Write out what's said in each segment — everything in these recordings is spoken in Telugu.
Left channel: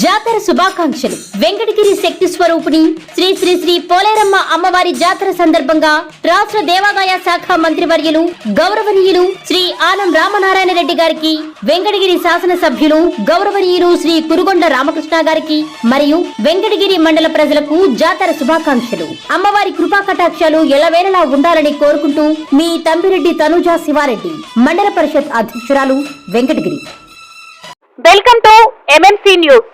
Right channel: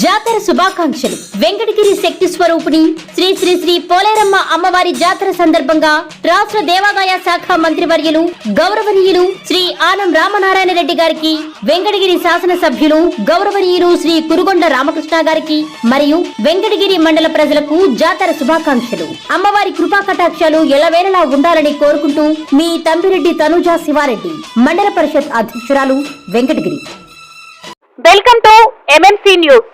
జాతర శుభాకాంక్షలు. వెంకటగిరి శక్తి స్వరూపిణి శ్రీ శ్రీ శ్రీ పోలేరమ్మ అమ్మవారి జాతర సందర్భంగా రాష్ట్ర దేవాదాయ శాఖ మంత్రివర్యులు గౌరవనీయులు శ్రీ ఆనం రామనారాయణ రెడ్డి గారికి, వెంకటగిరి శాసనసభ్యులు గౌరవనీయులు శ్రీ కురుగొండ రామకృష్ణ గారికి మరియు వెంకటగిరి మండల ప్రజలకు జాతర శుభాకాంక్షలు. అమ్మవారి కృపా కటాక్షాలు ఎల్లవేళలా ఉండాలని కోరుకుంటూ మీ తంబిరెడ్డి తనుజా శివారెడ్డి, మండల పరిషత్ అధ్యక్షురాలు, Venkatagiri. Welcome to MMC news.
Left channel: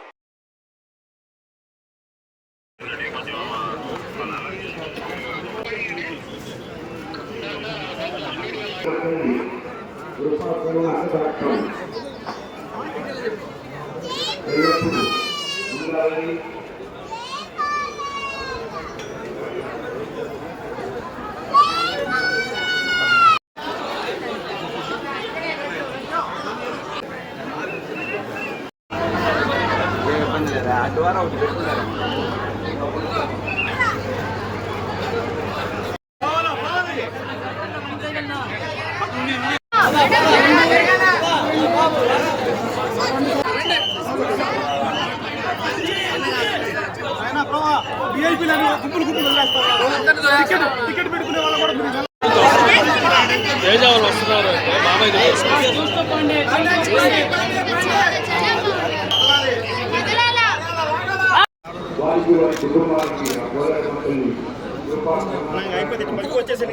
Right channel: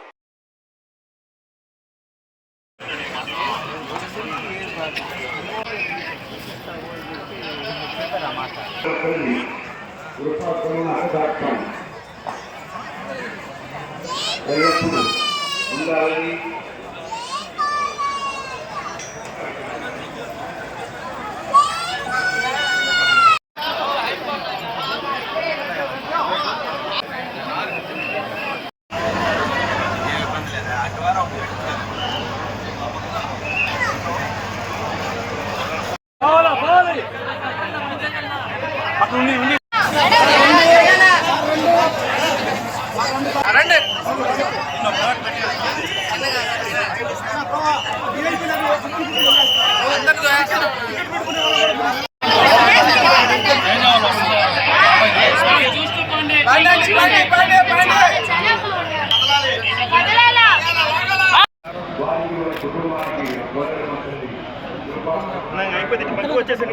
అయిపోయింది పట్టుకు వచ్చేసి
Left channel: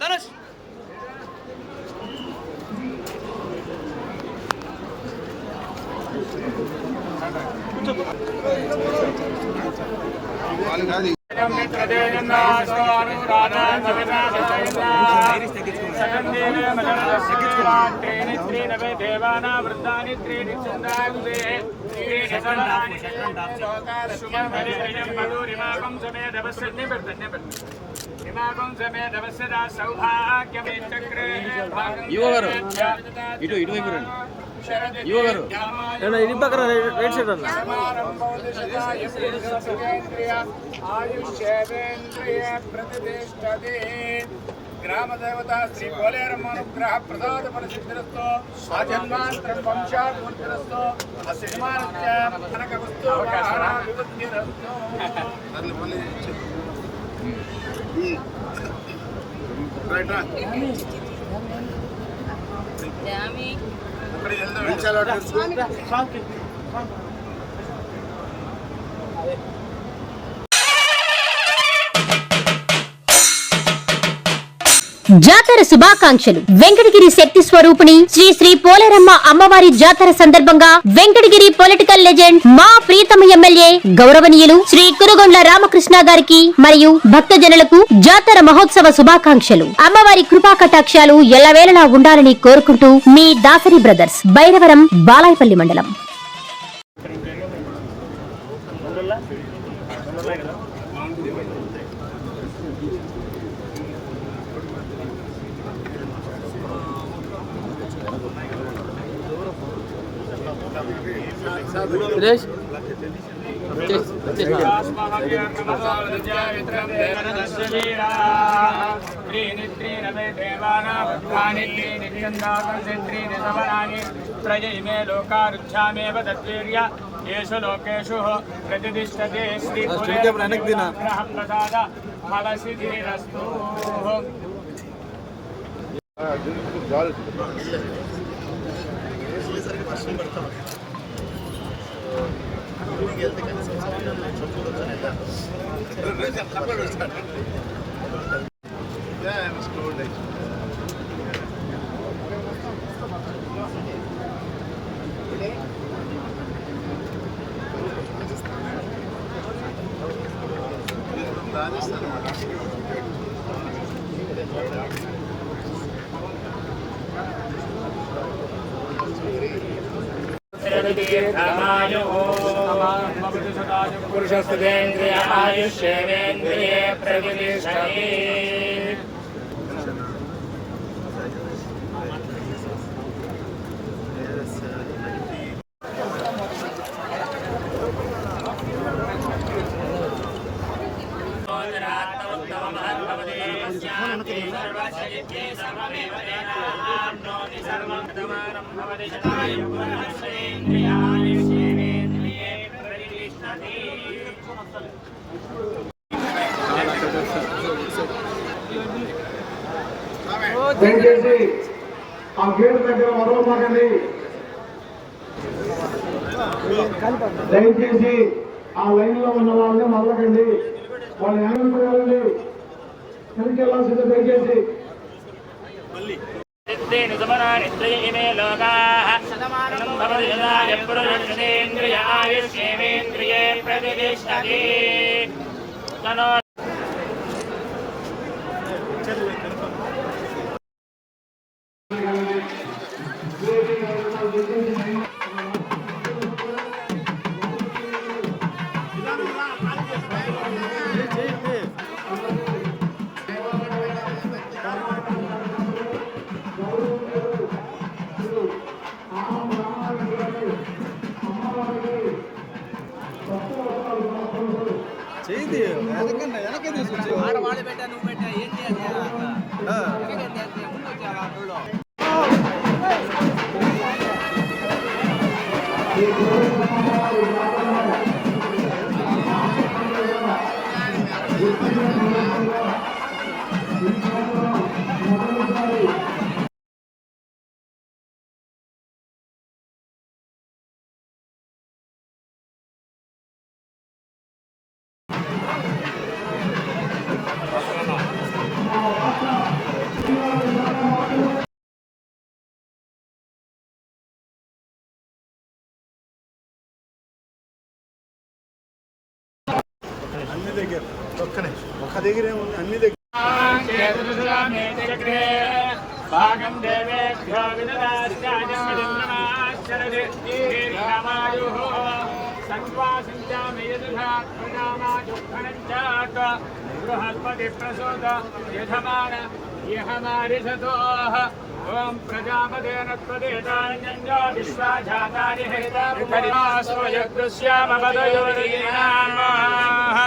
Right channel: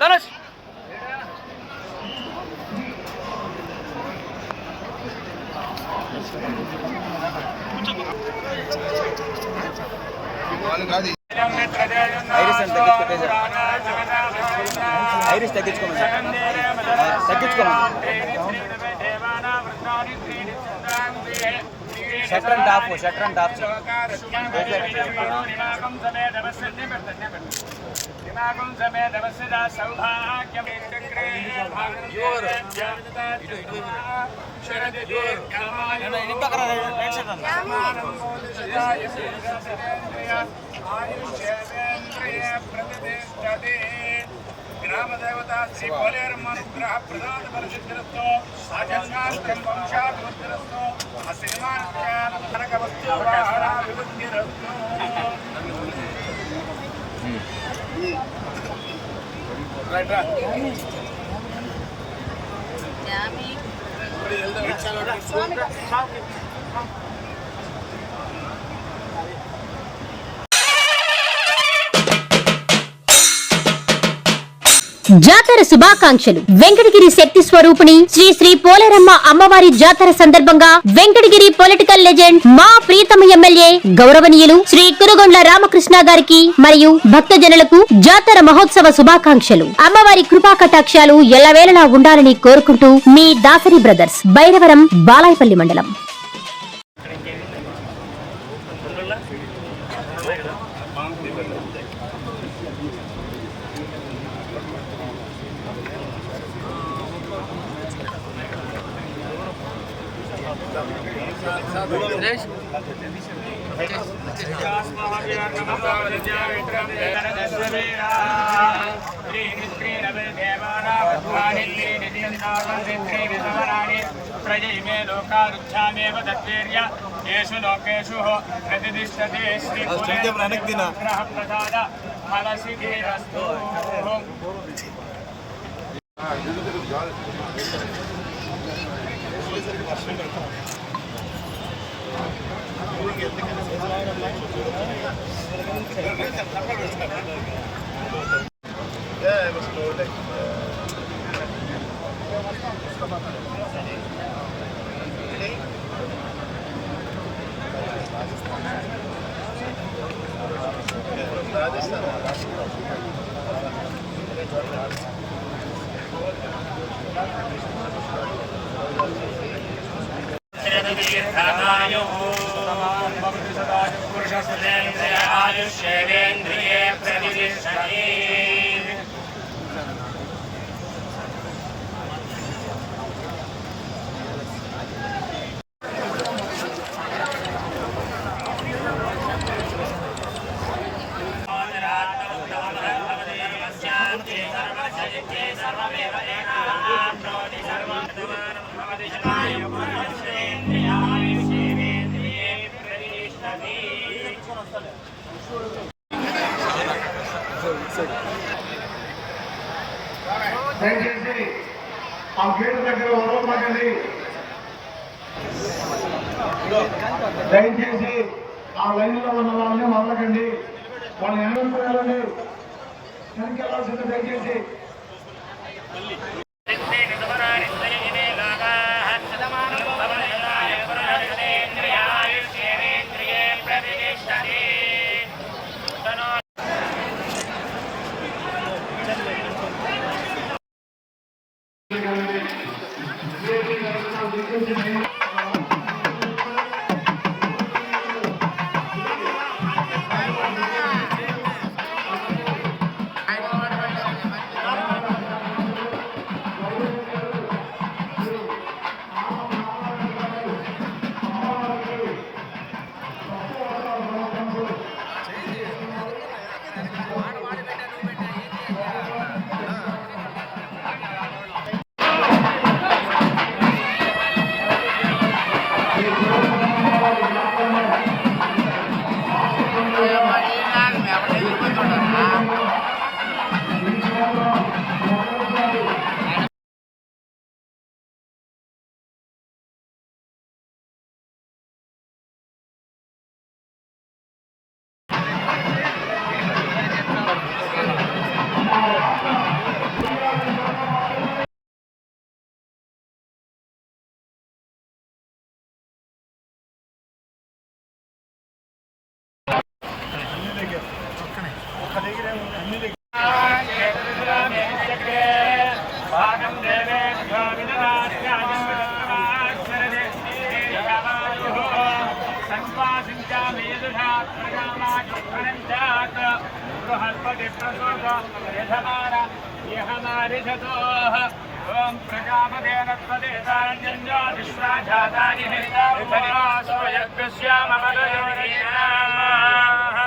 ధనుష్ ఇటు పక్కన రైట్ సైడ్ అన్న గ్రామ దేవత శ్రీ పోలేరమ్మ అనుగ్రహ ప్రసాద పరిసిద్ధిరస్తో ఆజన్మాంతరం వంశాభివృద్ధిరస్తో అసినిమాస్య కనక వస్తు రైట్ రా జాతర శుభాకాంక్షలు. వెంకటగిరి శక్తి స్వరూపిణి శ్రీ శ్రీ పోలేరమ్మ అమ్మవారి జాతర సందర్భంగా వెంకటగిరి పొలిటికల్ లెజెండ్ మా ప్రీతమ ఎమ్మెల్యే గౌరవనీయులు శ్రీ కురుగొండ్ల రామకృష్ణ గారికి మరియు భక్తజనులకు జాతర మహోత్సవ శుభాకాంక్షలు. అమ్మవారి కృపా కటాక్షాలు ఎల్లవేళలా ఉండాలని కోరుకుంటూ మీ దాసరి బ్రదర్స్, బైరవరం, బాలాయపల్లి మండలం. ప్రజమే లోకారుచ్ఛామేవ తద్వీర్య యేషు లోకేషు ప్రతిష్ఠతే శ్రీ ప్రసాద ఫలసిద్ధిరస్తు. దయచేసి ఆ గేటు దగ్గర వదలమాకండి. దయచేసి ఆ లైన్ లో ఉన్న వాళ్ళని వదలకండి. వాళ్ళు వెనక్కి వెళ్ళండి, వెనక్కి వెళ్ళాల్సిందే. దయచేసి बृहस्पति प्रसूत यजमान ओम प्रजापतेन त्वदेतान्यन्यो विश्वाजातानि हेतावयज्ञस्यामवदयोरीणाः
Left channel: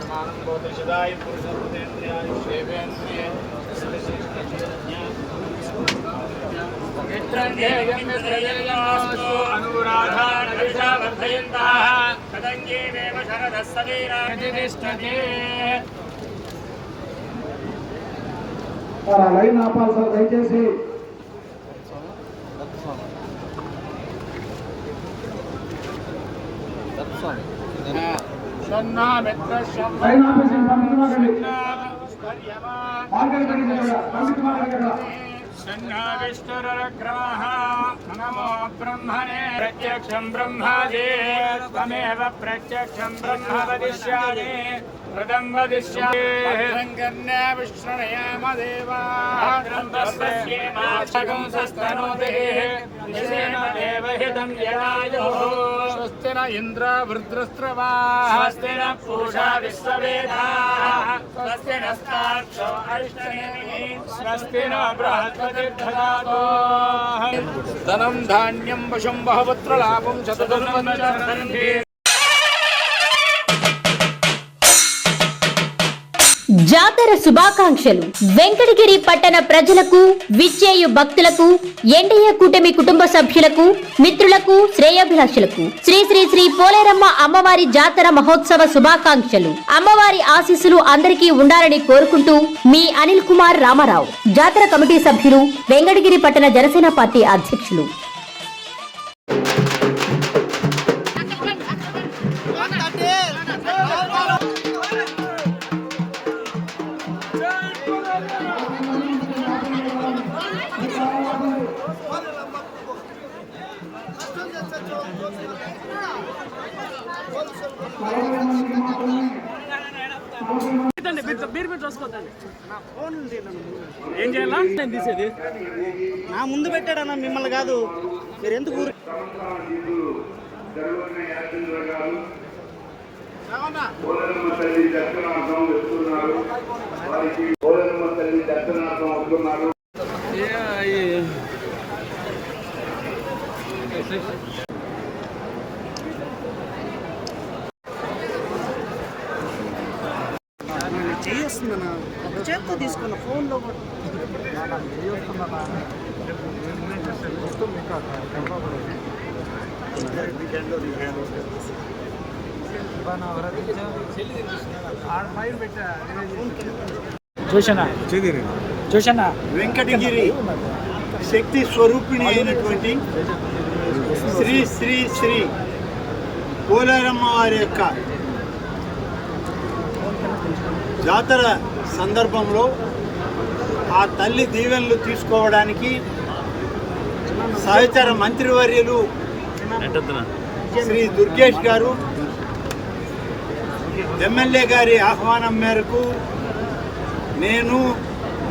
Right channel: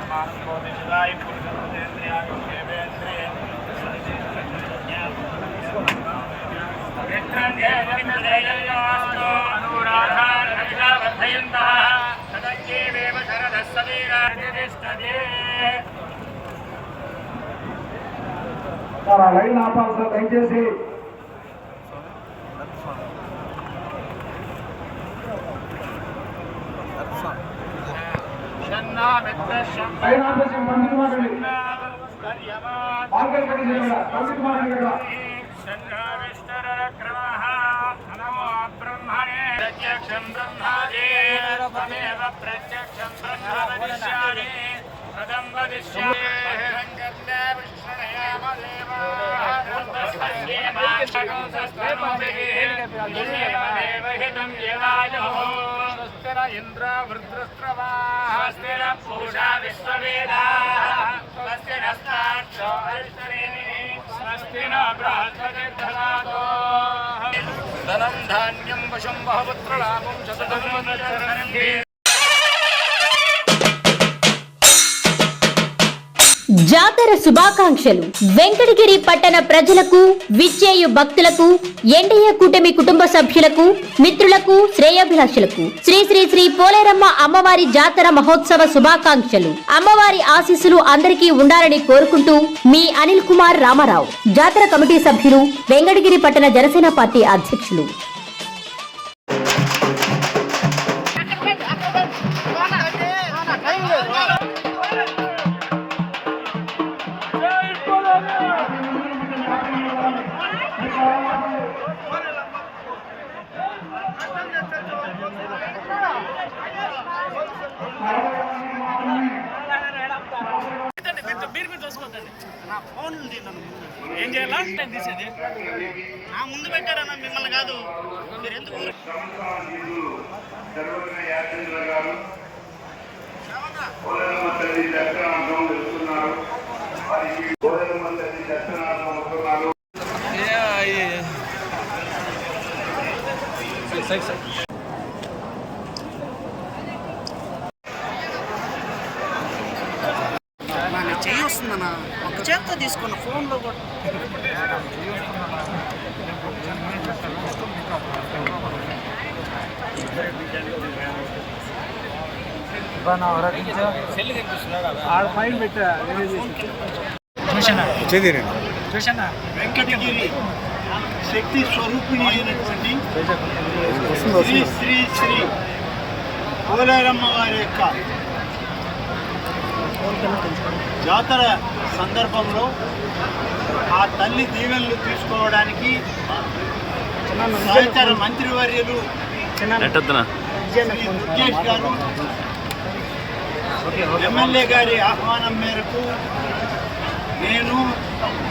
समानबोधिसुदाय पुरुषेन्द्रियायुषेवेन्द्रिये मित्रध्येयमित्रयेयमास्तु अनुराधानविषावर्धयन्तः तदङ्गीमेव शरदः सवीराजितिष्ठते లైన్ ఆపాలి సార్. దయచేసి లైన్ ఆపేసి పండిత మాకండి. మార్గం పడింది పండిత మాకండి. नमो ब्रह्मणे प्रत्यक्षं ब्रह्मादि त्वमेव प्रत्यक्षं ब्रह्म वदिष्यामि पदं वदिष्यामि कर्णे विश्रणयाम देवाः देवहितं यदायुः स्वस्ति न इन्द्र वृद्रस्रवाः स्वस्ति न पूषा विश्ववेदाः स्वस्ति नस्ताक्षो अरिष्टनेमिः स्वस्ति न बृहस्पति ददातु धनं धान्यं वशं बहुपुत्रलाभं शतधनं జాతర శుభాకాంక్షలు. వెంకటగిరి పట్టణ ప్రజలకు, విచ్చేయు భక్తులకు, ఎన్డీఏ కూటమి కుటుంబ సభ్యులకు, మిత్రులకు, శ్రేయోభిలాషులకు శ్రీ శ్రీ శ్రీ పోలేరమ్మ అమ్మవారి జాతర మహోత్సవ శుభాకాంక్షలు. అమ్మవారి ఆశీస్సులు అందరికీ ఉండాలని కోరుకుంటూ మీ అనిల్ కుమార్ రామారావు, జాతర కమిటీ సభ్యులు, వెంకటగిరి పట్టణ జనసేన పార్టీ అధ్యక్షులు. నా ఫోన్ ఏం చేయాలా తీసేది నా ముందు పెట్టాడన్నా, మిమ్మల్ని కాదు. మీరు ఎందుకు పోలేరమ్మ తల్లి దర్శనార్థం వెళ్తున్నారు. వారికి పోలేరమ్మ తల్లి దర్శనార్థం వస్తున్నారు. చెయ్యి వస్తుందన్న, ఒక చేత్తో తీసుకున్న ఫోన్లో కూడా. చూసానా వెంకటగిరి శక్తి స్వరూపిణి అయినటువంటి శ్రీ శ్రీ శ్రీ పోలేరమ్మ వారి యొక్క జాతర సందర్భంలో ఆ తల్లి దీవెనలు తీసుకోవడానికి సహచర మంత్రివర్యులు శ్రీ దుర్గేష్ గారు ఎమ్మెల్యే గారి ఆహ్వానం మేరకు నేను,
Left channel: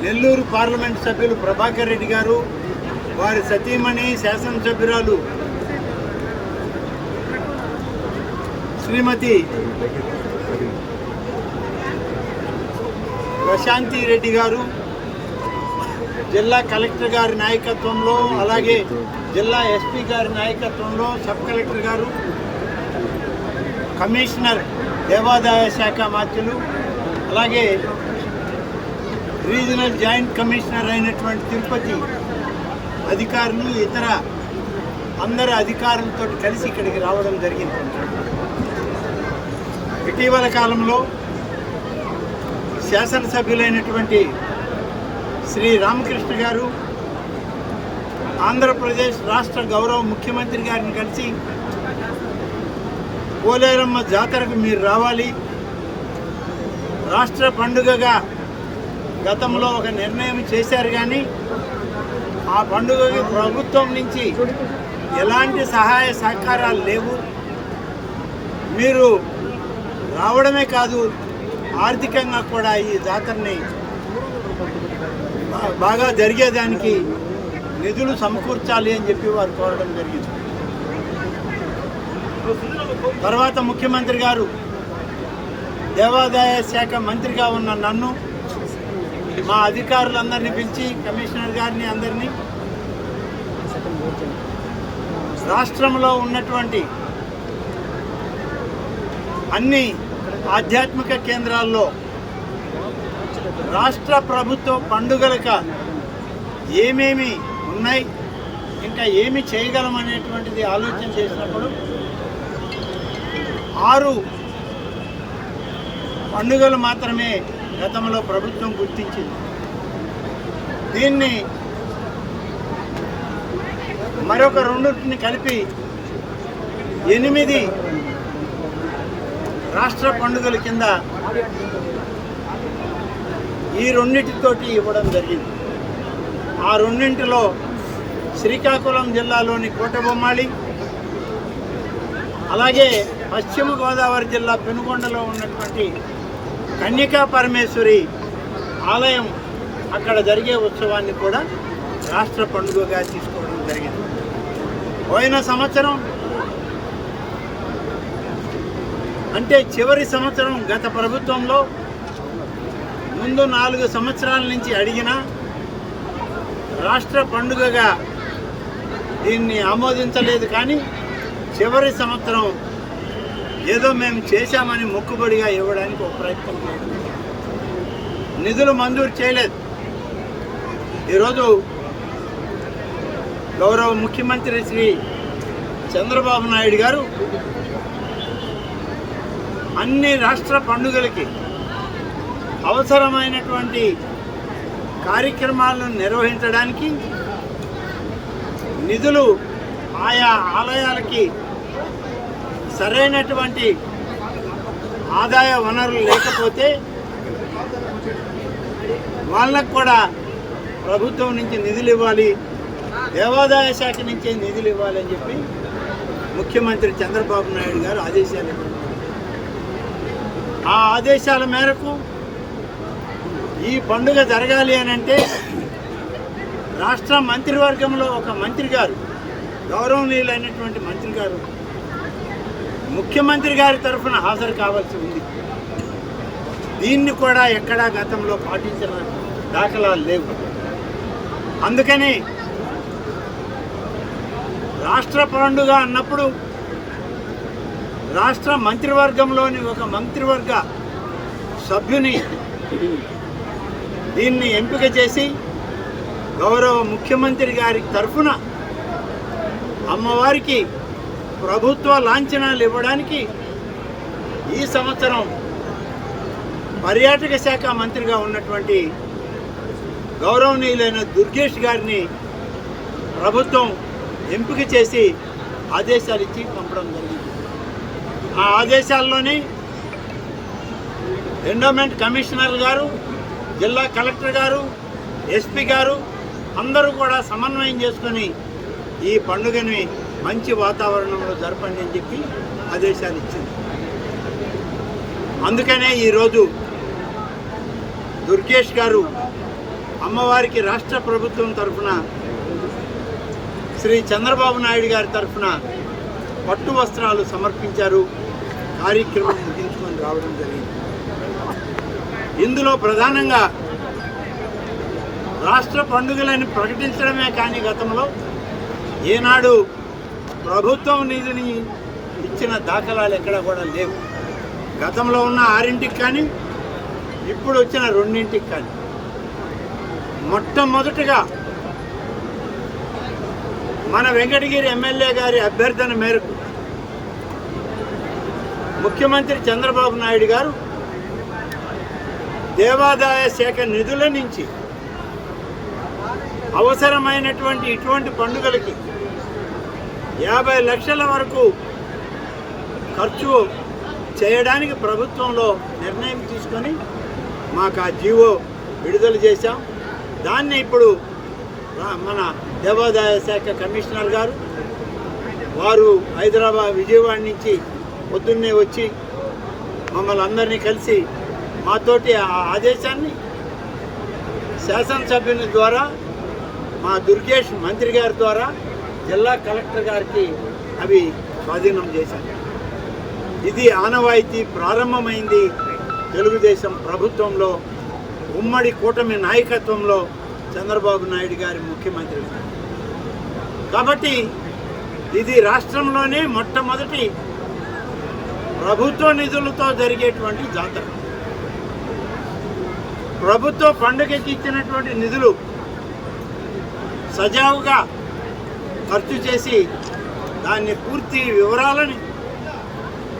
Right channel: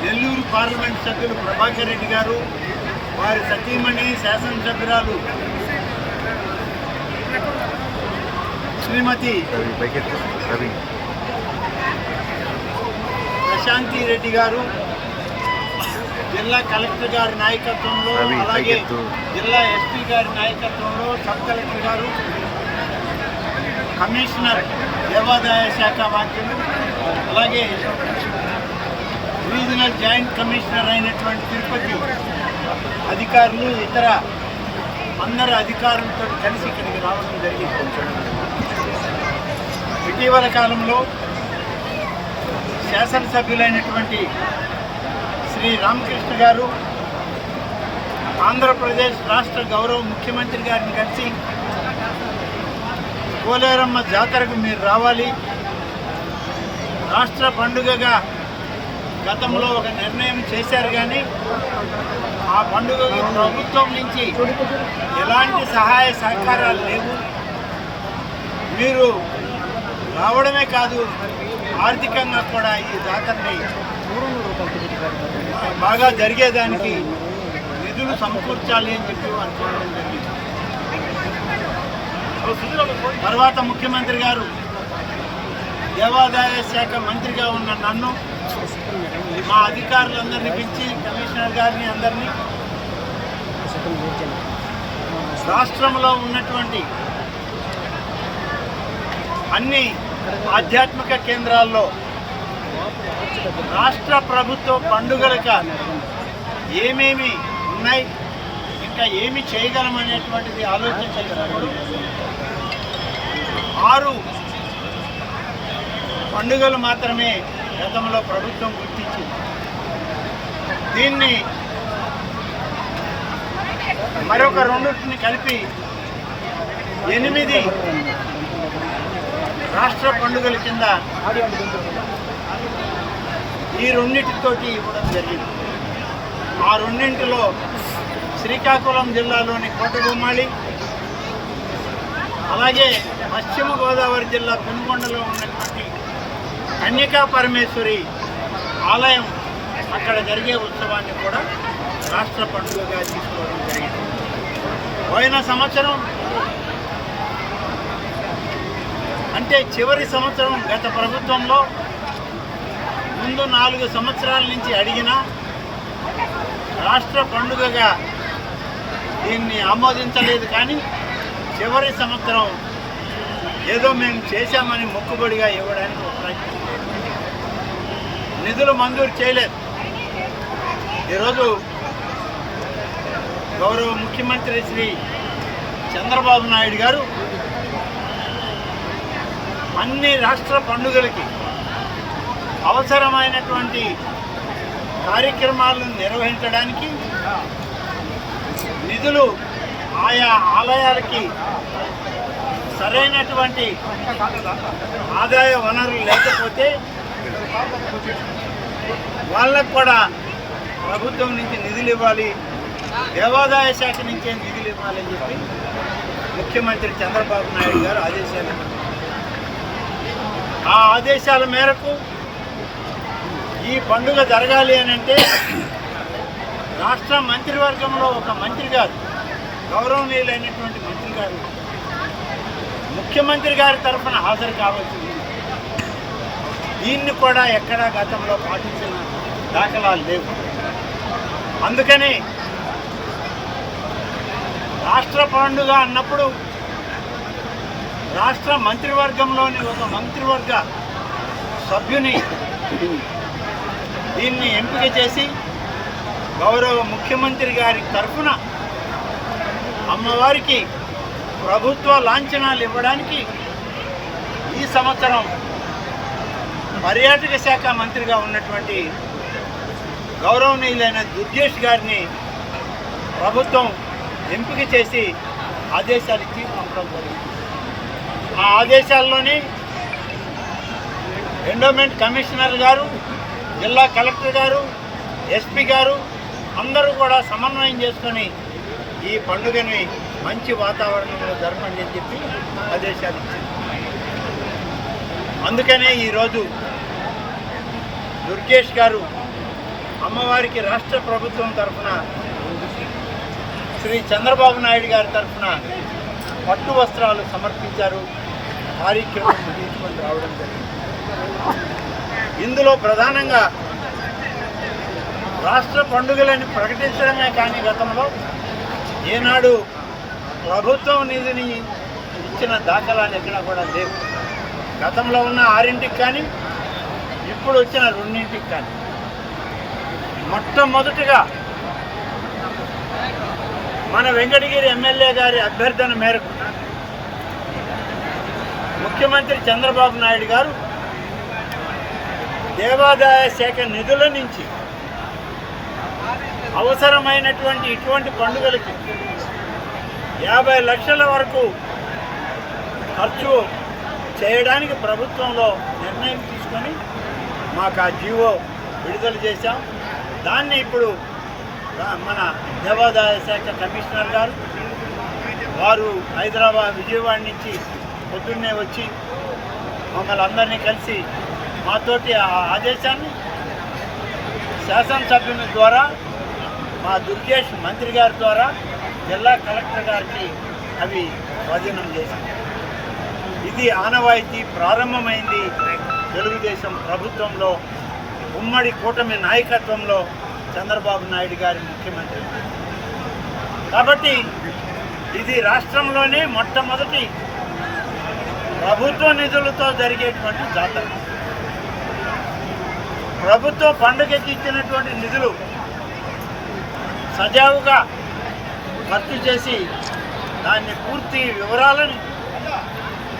నెల్లూరు పార్లమెంట్ సభ్యులు ప్రభాకర్ రెడ్డి గారు, వారి సతీమణి శాసనసభ్యురాలు శ్రీమతి ప్రశాంతి రెడ్డి గారు, జిల్లా కలెక్టర్ గారి నాయకత్వంలో, అలాగే జిల్లా ఎస్పీ గారి నాయకత్వంలో సబ్ కలెక్టర్ గారు, కమిషనర్ దేవాదాయ శాఖ మంత్రులు, అలాగే రీజనల్ జాయింట్ కమిషనర్ అయినటువంటి తిరుపతి అధికారులు, ఇతర అందరు అధికారులతో కలిసి ఇక్కడికి రావడం జరిగింది. ఇటీవల కాలంలో శాసనసభ్యులైనటువంటి శ్రీ రామకృష్ణ గారు ఆంధ్రప్రదేశ్ రాష్ట్ర గౌరవ ముఖ్యమంత్రి గారిని కలిసి పోలేరమ్మ జాతరకు మీరు రావాలి, రాష్ట్ర పండుగగా గతంలో ఒక నిర్ణయం చేశారు, కానీ ఆ పండుగకి ప్రభుత్వం నుంచి ఎలాంటి సహాయ సహకారాలు లేవు. మీరు రావడమే కాదు, ఆర్థికంగా కూడా ఈ జాతరని బాగా జరిగేదానికి నిధులు సమకూర్చాలి అని చెప్పి వారు కోరడం జరిగింది. తర్వాత ముఖ్యమంత్రి గారు దేవాదాయ శాఖ మంత్రిగా ఉన్న నన్ను, మా అధికారులందరినీ పిలిచి, కమిషనర్ గారిని అందరినీ రాష్ట్రంలో ఉన్నటువంటి అన్ని ఆధ్యాత్మిక కేంద్రాల్లో రాష్ట్ర ప్రభుత్వ పండుగలకు ఏమేమి ఉన్నాయి, ఇంకా ఏమి చేయగలమనేటువంటిది ఆలోచన చేసినప్పుడు 6 పండుగలు మాత్రమే గతంలో ప్రభుత్వం గుర్తించింది. దీన్ని మరొక 2ని కలిపి 8 రాష్ట్ర పండుగల కింద ఈ 2తోటి ఇవ్వడం జరిగింది. ఆ 2లో శ్రీకాకుళం జిల్లాలోని కోటబొమ్మాళి, అలాగే పశ్చిమ గోదావరి జిల్లా పెనుగొండలో ఉన్నటువంటి కన్యకా పరమేశ్వరి ఆలయం, అక్కడ జరిగే ఉత్సవాన్ని కూడా రాష్ట్ర పండుగగా తీసుకోవడం జరిగింది. పోయిన సంవత్సరం అంటే చివరి సంవత్సరం గత ప్రభుత్వంలో ముందు 4 సంవత్సరాల నుంచి అడిగినా రాష్ట్ర పండుగగా దీన్ని ఆమోదించలేదు. కానీ చివరి సంవత్సరం ఏదో మేము చేశామని మొక్కుబడిగా ఇవ్వడానికి ఒక ప్రయత్నం చేసింది. నిధులు మంజూరు చేయలేదు. ఈరోజు గౌరవ ముఖ్యమంత్రి శ్రీ చంద్రబాబు నాయుడు గారు అన్ని రాష్ట్ర పండుగలకి అవసరమైనటువంటి కార్యక్రమాలను నిర్వహించడానికి నిధులు ఆయా ఆలయాలకి సరైనటువంటి ఆదాయ వనరులు లేకపోతే వాళ్ళకు కూడా ప్రభుత్వం నుంచి నిధులు ఇవ్వాలి, దేవాదాయ శాఖ నుంచే నిధులు ఇవ్వాలని చెప్పి ముఖ్యమంత్రి చంద్రబాబు నాయుడు గారు ఆదేశాలు ఇవ్వడం. ఆ ఆదేశాల మేరకు ఈ పండుగ జరగాలి అని అంటే రాష్ట్ర మంత్రివర్గంలో ఒక మంత్రి గారు, గౌరవనీయులైనటువంటి మంత్రి గారు ముఖ్యమంత్రి గారి తరఫున హాజరు కావాల్సి ఉంది. దీన్ని కూడా ఎక్కడా గతంలో పాటించిన దాఖలాలు లేవు. అందుకని రాష్ట్ర పండుగ అన్నప్పుడు రాష్ట్ర మంత్రివర్గంలోని ఒక మంత్రివర్గ సభ్యుని దీన్ని ఎంపిక చేసి గౌరవ ముఖ్యమంత్రి గారి తరఫున అమ్మవారికి ప్రభుత్వ లాంఛనాలు ఇవ్వడానికి ఈ సంవత్సరం పర్యాటక శాఖ మంత్రిగా ఉన్నటువంటి గౌరవనీయులైన దుర్గేష్ గారిని ప్రభుత్వం ఎంపిక చేసి ఆదేశాలు ఇచ్చి పంపడం జరిగింది. ఆ ఆదేశాల్లోని ఎండోమెంట్ కమిషనర్ గారు, జిల్లా కలెక్టర్ గారు, ఎస్పీ గారు అందరూ కూడా సమన్వయం చేసుకొని ఈ పండుగని మంచి వాతావరణంలో జరపండి అని చెప్పి ఆదేశాలు ఇచ్చింది. అందుకనే ఈరోజు దుర్గేష్ గారు అమ్మవారికి రాష్ట్ర ప్రభుత్వం తరఫున శ్రీ చంద్రబాబు నాయుడు గారి తరఫున పట్టు వస్త్రాలు సమర్పించారు. కార్యక్రమం ముగించుకొని రావడం జరిగింది. ఇందులో ప్రధానంగా రాష్ట్ర పండుగలని ప్రకటించడమే కానీ గతంలో ఏనాడు ప్రభుత్వం నిధిని ఇచ్చిన దాఖలాలు ఎక్కడా కూడా లేవు. గతంలో ఉన్న 6ంటికి కానీ ఇప్పుడు వచ్చిన 2ంటికి కానీ మొట్టమొదటిగా మన వెంకటగిరి ఎమ్మెల్యే గారి అభ్యర్థన మేరకు ముఖ్యమంత్రి చంద్రబాబు నాయుడు గారు దేవాదాయ శాఖ నిధుల నుంచి అవసరమైనటువంటి ఇటువంటి పండుగలకి 50 లక్షల వరకు ఖర్చు చేయడానికి ప్రభుత్వంలో నిర్ణయం తీసుకొని మాకు ఆ జీవో విడుదల చేశాం. దాన్ని ఇప్పుడు మన దేవాదాయ శాఖ కమిషనర్ గారు వారు విజయవాడ నుంచి పొద్దున్నే వచ్చి మమ్మల్ని అందరినీ కలిసి మాతోటి ఆ ఆదేశాన్ని శాసనసభ్యుని ద్వారా మా దుర్గేష్ మంత్రి గారి ద్వారా జిల్లా కలెక్టర్ గారికి అవి స్వాధీనం చేశారు. ఇది ఆనవాయితీ ప్రారంభమైంది తెలుగుదేశం ప్రభుత్వంలో, ఉమ్మడి కూటమి నాయకత్వంలో చంద్రబాబు నాయుడు గారి ముఖ్యమంత్రి. కాబట్టి ఇది రాష్ట్రంలోనే మొట్టమొదటి ప్రభుత్వ నిధులతో జరిగేటువంటి జాతర. ప్రభుత్వ పండుగకి ఇచ్చినటువంటి నిధులు సజావుగా ఖర్చు చేసి దాన్ని పూర్తి వివరాలని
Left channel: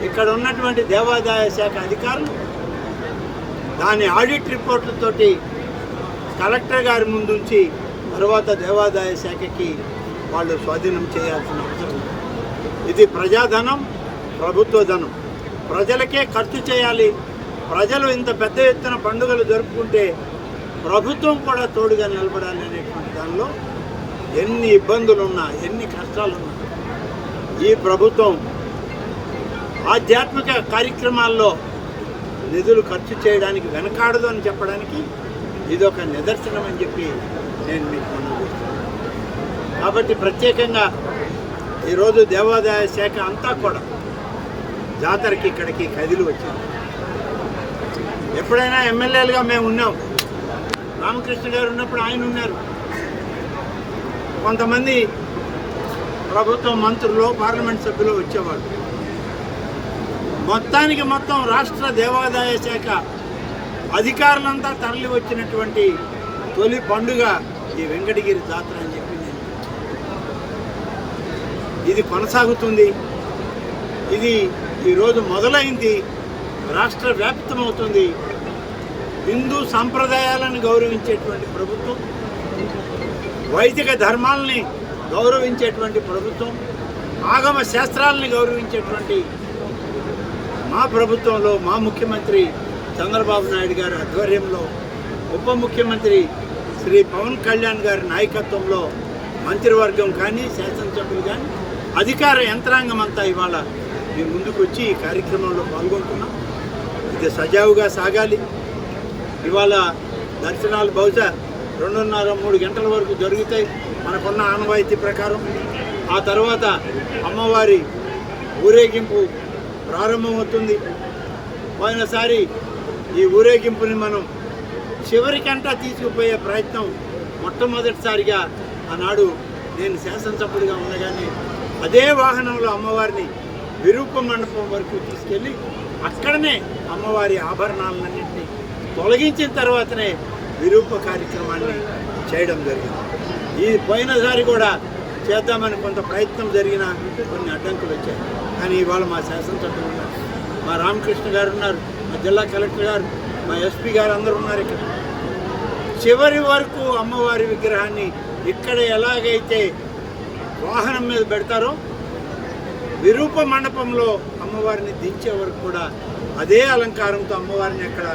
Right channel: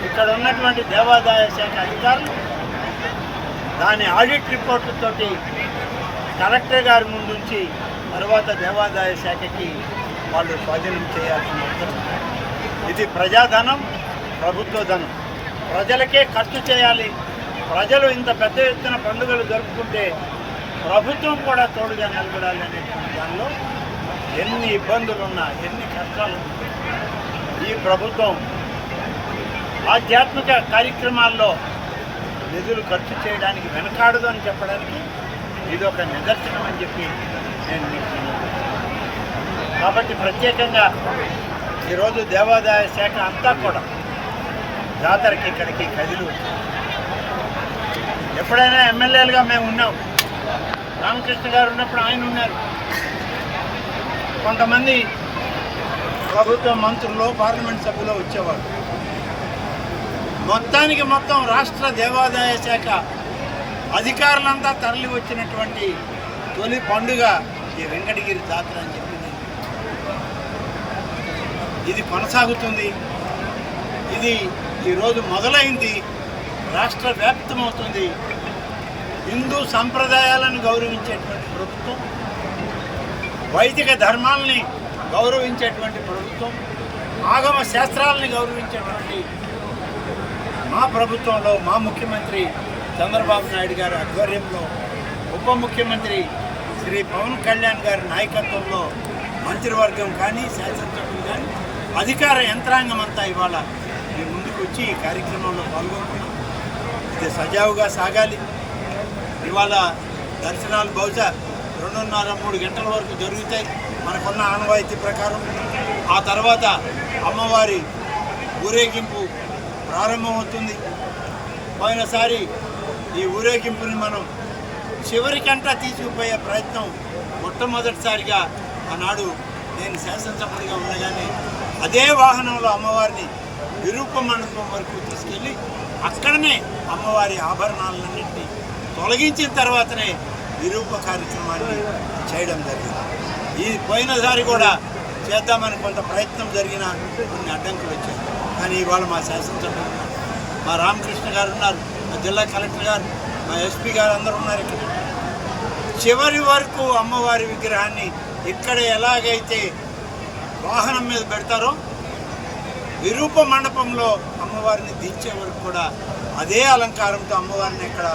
ఇక్కడ ఉన్నటువంటి దేవాదాయ శాఖ అధికారులు దాని ఆడిట్ రిపోర్టుతోటి కలెక్టర్ గారి ముందుంచి తర్వాత దేవాదాయ శాఖకి వాళ్ళు స్వాధీనం చేయాల్సిన అవసరం ఉంది. ఇది ప్రజాధనం, ప్రభుత్వ ధనం, ప్రజలకే ఖర్చు చేయాలి. ప్రజలు ఇంత పెద్ద ఎత్తున పండుగలు జరుపుకుంటే ప్రభుత్వం కూడా తోడుగా నిలబడాలి అనేటువంటి దానిలో ఎన్ని ఇబ్బందులున్నా, ఎన్ని కష్టాలున్నా ఈ ప్రభుత్వం ఆధ్యాత్మిక కార్యక్రమాల్లో నిధులు ఖర్చు చేయడానికి వెనకాడదు అని చెప్పడానికి ఇది ఒక నిదర్శనం అని చెప్పి నేను మీకు మనవిస్తున్నాను. కాబట్టి ప్రత్యేకంగా ఈరోజు దేవాదాయ శాఖ అంతా కూడా జాతరకి ఇక్కడికి కదిలి వచ్చింది. ఎప్పుడైనా ఎమ్మెల్యేలుగా మేము ఉన్నాం, రామకృష్ణ గారు ఉన్నప్పుడు ఆయన ఉన్నారు, కొంతమంది ప్రభుత్వ మంత్రులు, పార్లమెంట్ సభ్యులు వచ్చేవాళ్ళు. మొత్తానికి మొత్తం రాష్ట్ర దేవాదాయ శాఖ అధికారులంతా తరలి వచ్చినటువంటి తొలి పండుగ ఈ వెంకటగిరి జాతర అని చెప్పి ఇది కొనసాగుతుంది. ఇది ఈరోజు మొదలైంది, రాష్ట్ర వ్యాప్తమవుతుంది. హిందూ సంప్రదాయాలను గౌరవించేటువంటి ప్రభుత్వం, వైదిక ధర్మాలని గౌరవించేటువంటి ప్రభుత్వం, ఆగమ శాస్త్రాలని గౌరవించేటువంటి మా ప్రభుత్వంలో మా ముఖ్యమంత్రి చంద్రబాబు నాయుడు గారి ఆధ్వర్యంలో, ఉప ముఖ్యమంత్రి శ్రీ పవన్ కళ్యాణ్ గారి నాయకత్వంలో మంత్రివర్గం కానీ, శాసనసభ్యులు కానీ, అధికార యంత్రాంగం అంతా ఇవాళ మీ ముందుకు వచ్చి ఈ కార్యక్రమంలో పాల్గొంటున్నాం. ఇది సజావుగా సాగాలి. ఇవాళ దర్శనాలు బహుశా 2:30-3 గంటల వరకు జరుగుతాయి మనకున్న ఆనవాయితీ ప్రకారం. ఆ తర్వాత అమ్మవారి ఊరేగింపు ప్రారంభమవుతుంది. పోయినసారి ఈ ఊరేగింపుని మనం చివరికంటా తీసుకుపోయే ప్రయత్నం మొట్టమొదటిసారిగా ఆనాడు నేను శాసనసభ్యుడిగా ఉండగానే అదే వాహనంలో అమ్మవారిని విరూప మండపం వరకు తీసుకెళ్ళి అక్కడనే అమ్మవారి ఆభరణాలన్నింటినీ తొలగించిన తర్వాతనే విరూప కార్యక్రమాన్ని చేయడం జరిగింది. ఈ పోయినసారి కూడా చేద్దామని కొంత ప్రయత్నం జరిగిన కొన్ని అడ్డంకులు వచ్చాయి. కానీ ఇవాళ మా శాసనసభ్యులు ఉన్నారు, మా రామకృష్ణ గారు ఉన్నారు, మా జిల్లా కలెక్టర్ గారు, మా ఎస్పీ గారు అందరూ ఉన్నారు. ఇక్కడ చివరి వరకు అమ్మవారి విగ్రహాన్ని ఇక్కడ ఎలాగైతే వాహనం మీద పెడతారో విరూప మండపంలో అమ్మవారిని దించే వరకు కూడా అదే అలంకారంతో అమ్మవారిని అక్కడ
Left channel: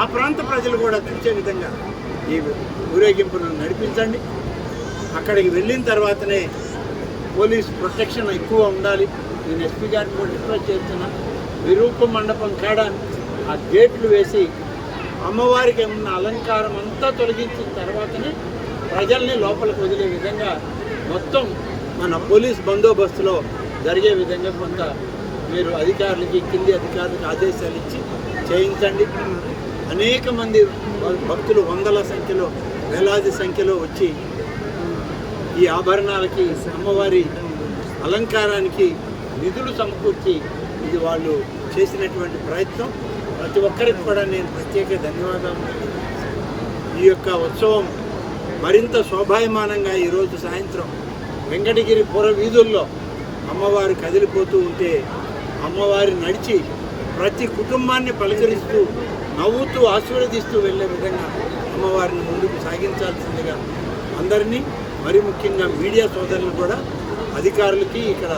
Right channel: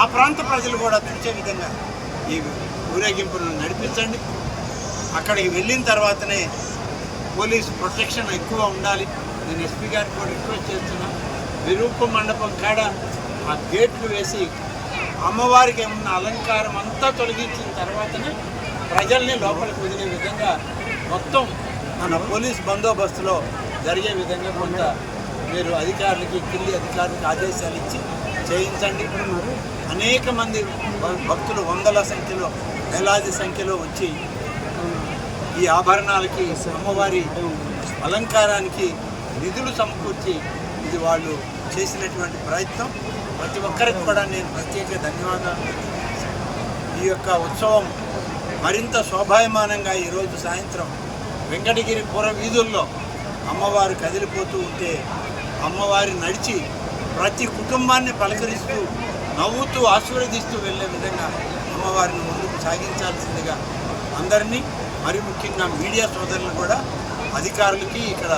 ఆ ప్రాంత ప్రజలు కూడా చూసే విధంగా ఈ ఊరేగింపులను నడిపించండి. అక్కడికి వెళ్ళిన తర్వాతనే పోలీస్ ప్రొటెక్షన్ ఎక్కువ ఉండాలి. నేను ఎస్పీ గారిని కూడా రిక్వెస్ట్ చేస్తున్నా, విరూప మండపం కాడ ఆ గేట్లు వేసి అమ్మవారికి ఉన్న అలంకారం అంతా తొలగించిన తర్వాతనే ప్రజల్ని లోపలికి వదిలే విధంగా మొత్తం మన పోలీస్ బందోబస్తులో జరిగే విధంగా కొంత మీరు అధికారులకి, కింది అధికారులకు ఆదేశాలు ఇచ్చి చేయించండి. అనేక మంది భక్తులు వందల సంఖ్యలో, వేలాది సంఖ్యలో వచ్చి ఈ ఆభరణాలకి, అమ్మవారి అలంకారానికి నిధులు సమకూర్చి ఇది వాళ్ళు చేసినటువంటి ప్రయత్నం ప్రతి ఒక్కరికి కూడా నేను ప్రత్యేక ధన్యవాదాలు. ఈ యొక్క ఉత్సవం మరింత శోభాయమానంగా ఈరోజు సాయంత్రం వెంకటగిరి పుర వీధుల్లో అమ్మవారు కదిలిపోతూ ఉంటే అమ్మవారి నడిచి ప్రతి కుటుంబాన్ని పలకరిస్తూ నవ్వుతూ ఆశీర్వదిస్తూ వెళ్ళే విధంగా అమ్మవారిని ముందుకు సాగించాల్సిందిగా అందరినీ, మరి ముఖ్యంగా మీడియా సోదరులు కూడా, అధికారులకి, ఇక్కడ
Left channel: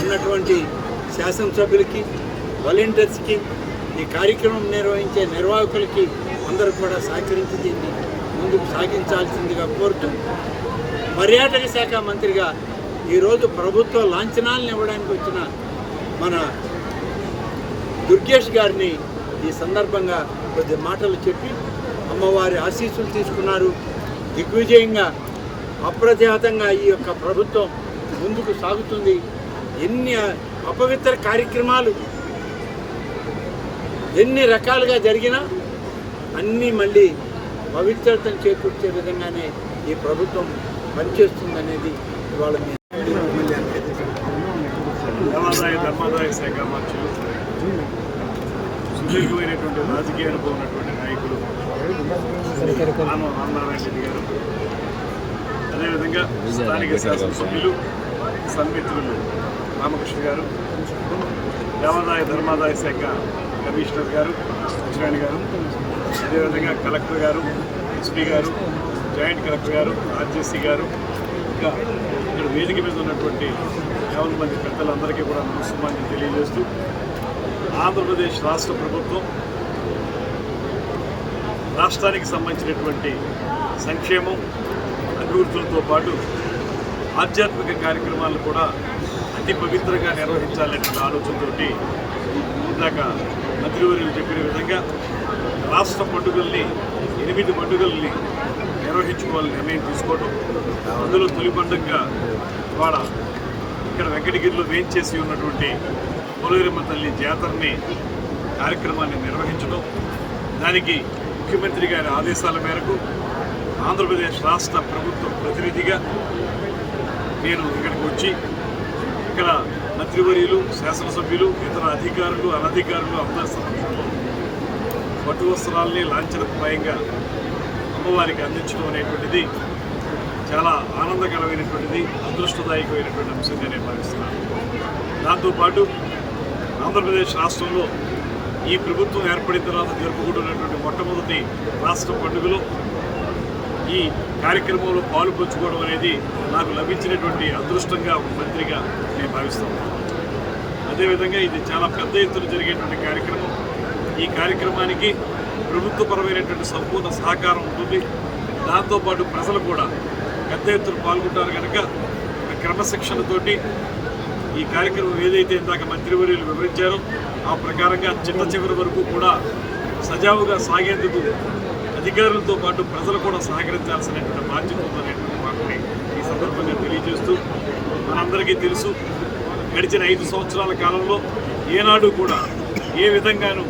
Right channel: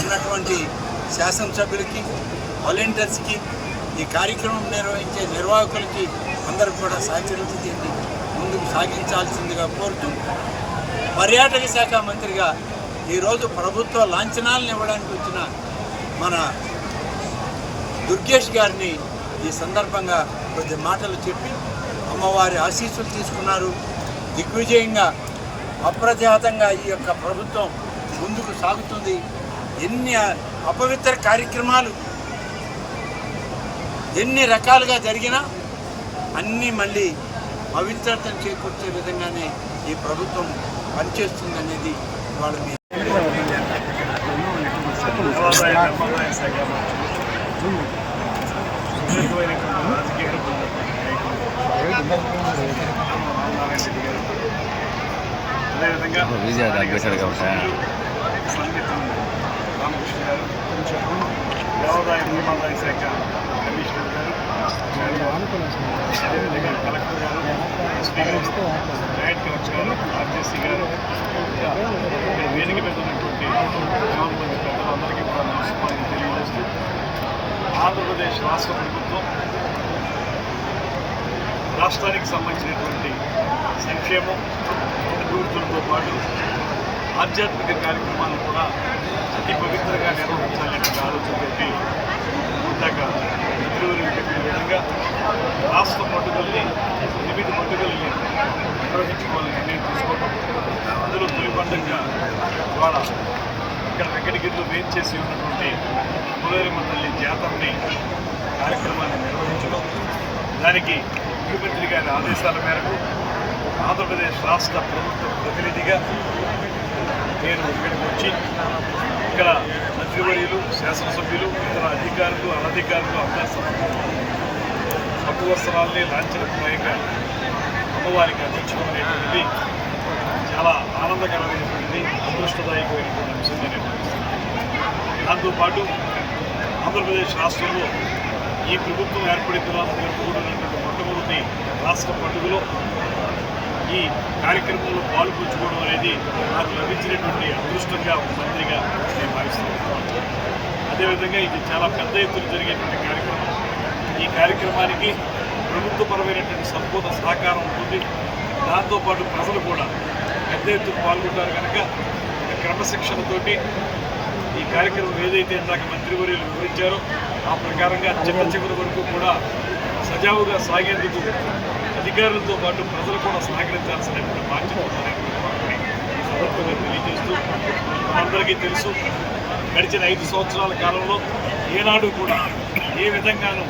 ఉన్నటువంటి శాసనసభ్యులకి, వాలంటీర్స్కి, ఈ కార్యక్రమం నిర్వహించే నిర్వాహకులకి అందరూ కూడా సహకరించి దీన్ని ముందుకు సాగించాల్సిందిగా కోరుతూ, పర్యాటక శాఖ మంత్రిగా ఈరోజు ప్రభుత్వ లాంఛనాలను ఇవ్వడానికి వచ్చిన మన దుర్గేష్ గారిని ఈ సందర్భంగా కొద్ది మాటలు చెప్పి అమ్మవారి ఆశీస్సులు తీసుకున్నారు. దిగ్విజయంగా అప్రతిహతంగా ఈ యొక్క ప్రభుత్వం ముందుకు సాగుతుంది. ఎన్ని అపవిత్ర కార్యక్రమాలు ఎన్ని రకాలుగా జరిగినా అన్నీ మళ్ళీ పవిత్రతను చేకూర్చే విధంగానే ఈ ప్రభుత్వం పనిచేస్తుందనేది ఇవాళ మీ దేవాదాయ ధర్మాదాయ శాఖ మంత్రులు, సుదీర్ఘమైనటువంటి రాజకీయానికి ఉన్నటువంటి నాయకులు రామనారాయణ రెడ్డి గారు, అదేవిధంగా సన్మిత్రులు రామకృష్ణ గారు, దేవాదాయ ధర్మాదాయ శాఖ కమిషనర్ గారు కృష్ణాని గారు, అదేవిధంగా కలెక్టర్ గారు, ఎస్పీ గారు, జాయింట్ కలెక్టర్ గారు, ఆర్జేసీ గారు, ఇంకా ఇక్కడ వేదిక మీద ఉన్నటువంటి 50 మంది పెద్దలందరికీ కూడా నమస్కారాన్ని తెలియజేస్తూ, ఆంధ్రప్రదేశ్ రాష్ట్ర ప్రభుత్వం రాష్ట్రానికి సంబంధించినటువంటి సంక్షేమం, అభివృద్ధులతో పాటు ఆధ్యాత్మిక కార్యక్రమాలను కూడా అతి పవిత్రంగా నిర్వహించాలనే ఆలోచనతోటి ఇందాక మంత్రివర్యులు చెప్పిన విధంగా రాష్ట్ర పండుగల్ని 8 పండుగల్ని నిర్వహించుకోవాలని నిర్ణయం తీసుకోవడం. అందులో తొలి పండుగగా ఇవాళ ఇక్కడ వెంకటగిరిలో వేయించేసి ఉన్నటువంటి పోలేరమ్మ తల్లి జాతరని కార్యక్రమాన్ని నిర్వహించడం, దానికి ముఖ్యమంత్రి గారి ఆదేశాల మేరకు ఆంధ్రప్రదేశ్ రాష్ట్ర ప్రభుత్వ ప్రతినిధిగా నేను ఇక్కడికి వచ్చి ఇక్కడ మంత్రివర్యులు, శాసనసభ్యులు, ఇతర అధికారులు, అనధికారులు అందరూ పట్టు వస్త్రాలని లాంఛనప్రాయంగా అమ్మవారికి అందించడం అనేటువంటిది చాలా ఆనందకరమైనటువంటిది, అదృష్టదాయకమైనటువంటి అంశంగా నేను భావిస్తున్నాను. దాంతోపాటు ఆంధ్రప్రదేశ్ రాష్ట్రంలో ఈ ప్రభుత్వం ఏర్పడిన తర్వాత జరుపుకుంటున్నటువంటి మొట్టమొదటి రాష్ట్ర పండుగలో ఈ కార్యక్రమంలో పాలుపంచుకోవడం అనేది నాకు లభించినటువంటి అదృష్టంగా ఒక మంత్రిగా నేను భావిస్తున్నాను. అదేవిధంగా ఇది చాలా పెద్ద ఎత్తున జరిగేటువంటి కార్యక్రమం. ఈ కార్యక్రమానికి ప్రభుత్వపరమైనటువంటి సంపూర్ణ సహకారం ఉంటుంది. దాంతోపాటు ప్రజలు కూడా పెద్ద ఎత్తున పాల్గొంటారు కనుక క్రమశిక్షణతోటి ఈ కార్యక్రమం ఏదైతే ఇందాక మంత్రివర్యులు వివరించారో ఆ ప్రకారంగా చిట్ట చివరి వరకు కూడా సజావుగా సాగేందుకు అధికారులతో పాటు ప్రజలు కూడా సహకరించాల్సినటువంటి బాధ్యత ఉందనేటువంటి వాటిని ఈ సందర్భంగా తెలియజేస్తూ, మనందరికీ తెలుసు గడిచిన 5 సంవత్సరాల కాలంలో ఏనాడు కూడా ఏ విధంగానూ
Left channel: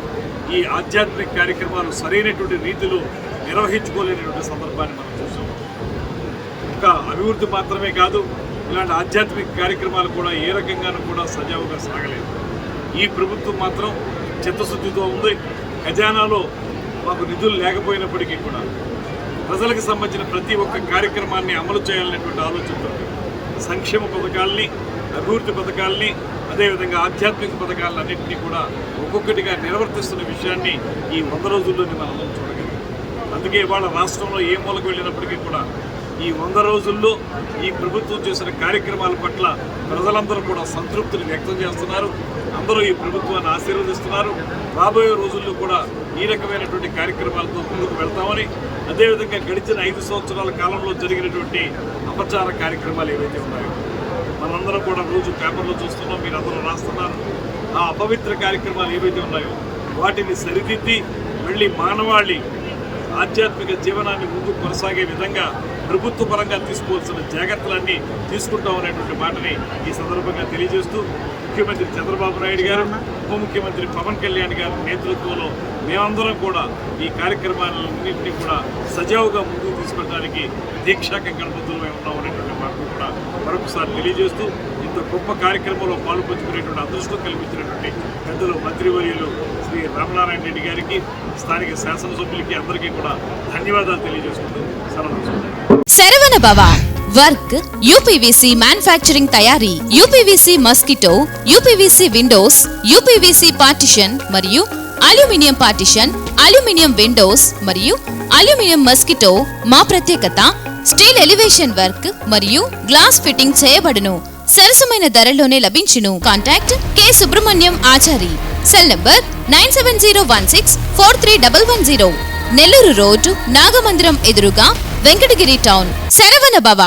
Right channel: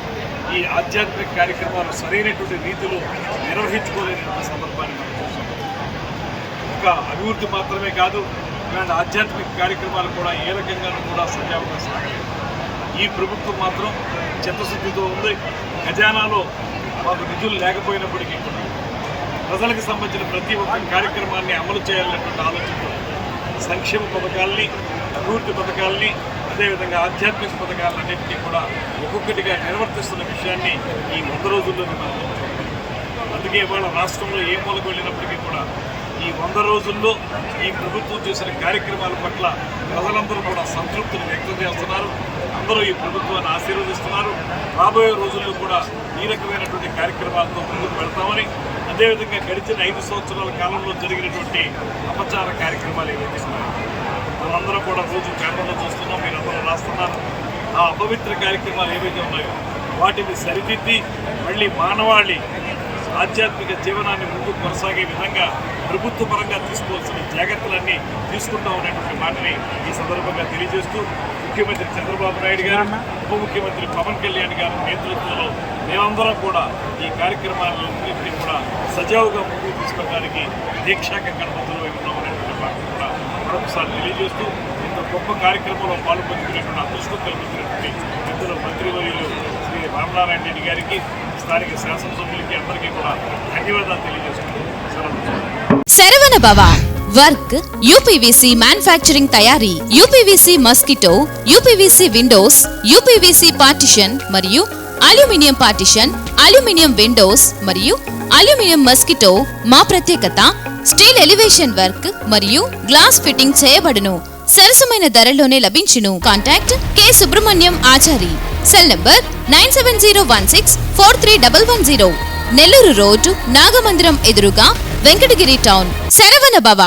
ఈ ఆధ్యాత్మిక కార్యక్రమాలు సరైనటువంటి రీతిలో నిర్వహించుకోలేనటువంటి సందర్భాన్ని మనం చూసాం. ఒక అభివృద్ధి మాత్రమే కాదు, ఇలాంటి ఆధ్యాత్మిక కార్యక్రమాలు కూడా ఏ రకంగానూ కూడా సజావుగా సాగలేదు. ఈ ప్రభుత్వం మాత్రం చిత్తశుద్ధితో ఉంది. ఖజానాలో మాకు నిధులు లేకపోయినప్పటికీ కూడా ప్రజలకు సంబంధించిన ప్రతి ఒక్క కార్యక్రమాన్ని అమలు చేయాలనేటువంటి ఆలోచనతో సంక్షేమ పథకాలని, అభివృద్ధి పథకాలని, అదేవిధంగా ఆధ్యాత్మిక పథకాలను అన్నింటినీ కూడా ఒక్కొక్కటిగా నిర్వర్తిస్తున్న విషయాన్ని ఈ 100 రోజుల్లోనే మనం చూడాలి. అందుకే ఇవాళ రాష్ట్రంలో ఏ మూలకు వెళ్ళినప్పటికీ కూడా ఈ 100 రోజుల్లో ఈ ప్రభుత్వం చేసిన కార్యక్రమాల పట్ల ప్రజలందరూ కూడా సంతృప్తిని వ్యక్తం చేస్తున్నారు. అందరూ ఈ ప్రభుత్వాన్ని ఆశీర్వదిస్తున్నారు. రాబోయే రోజుల్లో కూడా ఈ రకమైనటువంటి కార్యక్రమాలతో ముందుకు వెళ్తామని, అదేవిధంగా గడిచిన 5 సంవత్సరాల కాలంలో జరిగినటువంటి అపచార కార్యక్రమాలు ఏవైతే ఉన్నాయో మనందరం కూడా రోజు పేపర్లో చూస్తున్నాం, మీరందరూ రాస్తున్నారు. ఆ అపవిత్ర కార్యక్రమాలు ఏవైతే ఉన్నాయో వాటిని సరిదిద్ది మళ్ళీ మానవాళి ఆధ్యాత్మిక జీవనాన్ని ముందు కొనసాగే విధంగా ప్రభుత్వ పరంగా తీసుకోవాల్సిన జాగ్రత్తలన్నీ తీసుకుంటామనేటువంటి మాటని ఈ సందర్భంగా తెలియజేస్తూ, ముఖ్యమంత్రి చంద్రబాబు నాయుడు గారు, ఉప ముఖ్యమంత్రి పవన్ కళ్యాణ్ గారి నేతృత్వంలో మేమందరం కూడా ఈ కార్యక్రమాలన్నింటినీ కూడా సజావుగా ముందుకు తీసుకోవడానికి దీక్షాకంగా బద్దులై ఉన్నామనేటువంటి మాటను కూడా మరొకసారి తెలియజేస్తూ, ఇంత గొప్ప కార్యక్రమంలో పాల్పంచుకునేటువంటి అదృష్టం కల్పించినటువంటి పెద్దలు మంత్రివర్యులు శ్రీ రామనారాయణ రెడ్డి గారికి, స్థానిక శాసనసభ్యులకి అందరికీ కూడా ధన్యవాదాలు తెలియజేస్తూ శరవణ భవ వర్క్ యూపీవీసీ మ్యానుఫ్యాక్చరింగ్ తయారీ, UPVC mosquito, UPVC Windows, UPVC partition మరియు అల్యూమినియం పార్టిషన్, అల్యూమినియం విండోస్ మరియు అల్యూమినియం మస్కిటో. మా ప్రత్యేకత స్టీల్ ఎలివేషన్ వర్క్ మరియు గ్లాస్ ఫిట్టింగ్ చేయబడును. సరసమైన ధరలోనే లభించును. Contact K Subrahmanyam Achari. Cell number 9701643110. Nellore road, Nagamandiram ఎదురుగా, వెంకటగిరి టౌన్. శరవణ భవ.